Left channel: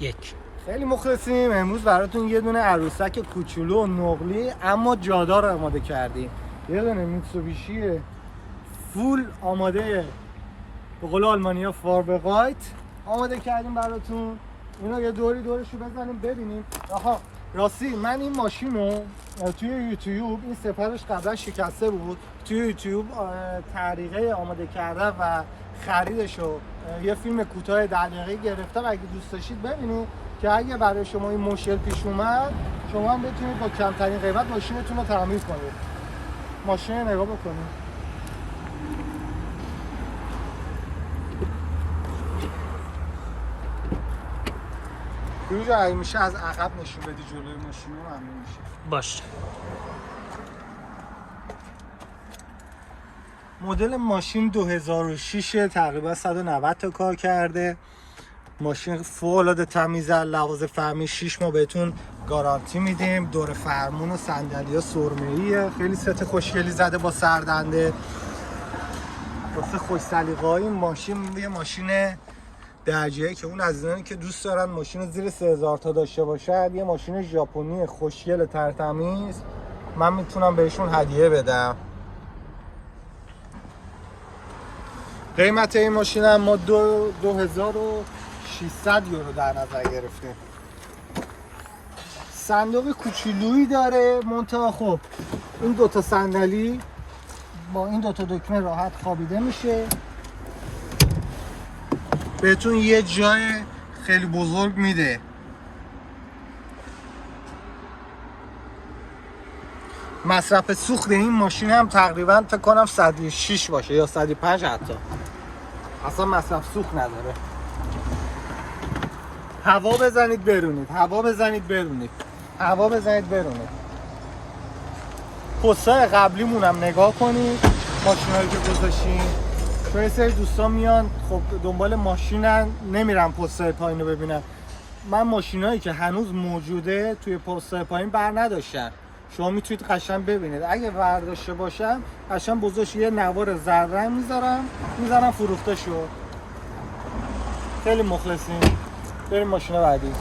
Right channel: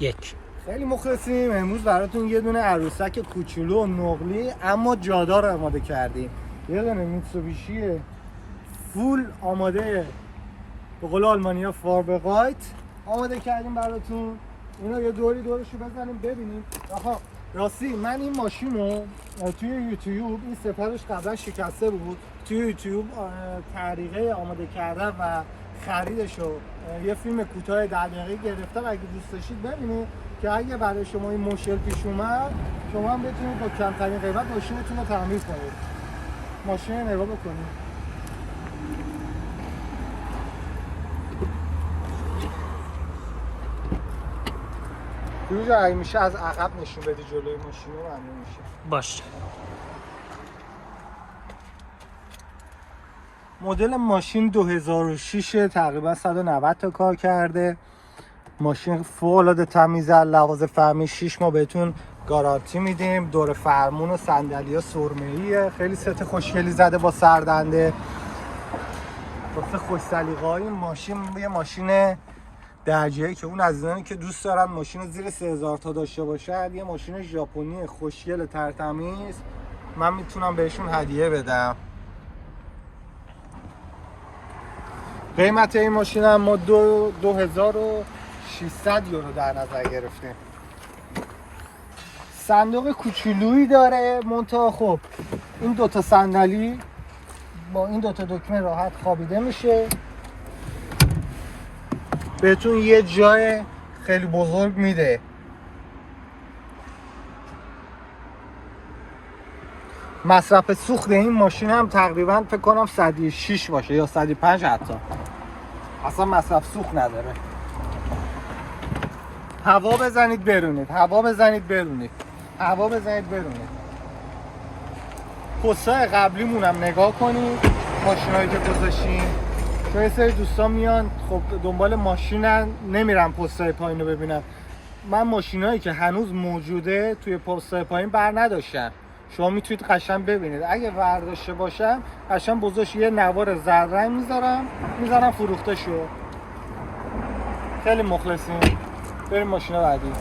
یک. خیلی مخلصیم. امروز براتون یه دونه عروسک کوچولو و نقلی اما جادار آماده کردیم. یه دونه میتسوبیشی فول آماده، به قول آلمانیا فاربقایت آماده کردیم براتون. اینو یه دوری دورشو بزنیم ببینیم. آها راستی من این ماشین رو توی یوتیوب، این سپرش قبلا شکسته بود، توی یوتیوب طریقه آماده کردن و خریدشو یه فیلم کوتاه 10 دقیقه‌ای گرفتم. اگه دوست داشتید ببینید که اگه برای شما این مشکل پیش اومد شما هم بتونید با کمترین قیمت ماشینتون رو تعمیر کنید. ماشین رو نگاه بکنید. فیروز اگه میشه از عقب نشون بدی جلوی ماشین رو ممنون میشه. باش. مدل ماشین 2006 تقریبا 190 تا کار کرده. ماشین فوق‌العاده تمیزه. لحاظ فهمی 6 ماه بهتون گارانتی میدیم. دور فرمون و صندلی‌ها سرمه‌ایه. خیلی ست خوشگلی زده با سردنده. واسه خوش سلیقه‌های این ماشین یه ماشین درجه‌ای که اون عزیزانی که دوست دارن ماشین زیر 3000 تا داشته باشن، یه ماشین ژاپنی خوشگل ترتمیز من میتونم بهشون هدیه بدم. قیمت این ماشین هم ما 2600 یورو در نظر گرفتیم. صندوق کوچولویی داره منتها خب این دوتا صندلی با این دوتا دکمه راحت خوابیده میشه. بهتون یه جای خیلی بزرگ میده. مصرف سوخت این ماشین هم تقریبا فکر کنم 106 باشه یا 105 حتی. اصلا مصرف سوخت نداره. هوا بزنید برونید، هوا بزنید برونید، هوا بزنید برونید. پستای قبلیمون هم نگاه کنید، ماشینایی که گذاشتیم. چون یه سری دوستان میان خب دنبال ماشینن نمیرن پستای پایین رو ببینن. من ماشینایی که هنوز موجوده توی پستای پایین بر نداشتن. شما میتونید قشنگ ببینید. اگه برداشته باشم قشنگ بزرگش یه نوار زرد میذارم فروخته شو. خیلی مخلصیم. بریم ماشین بعدی.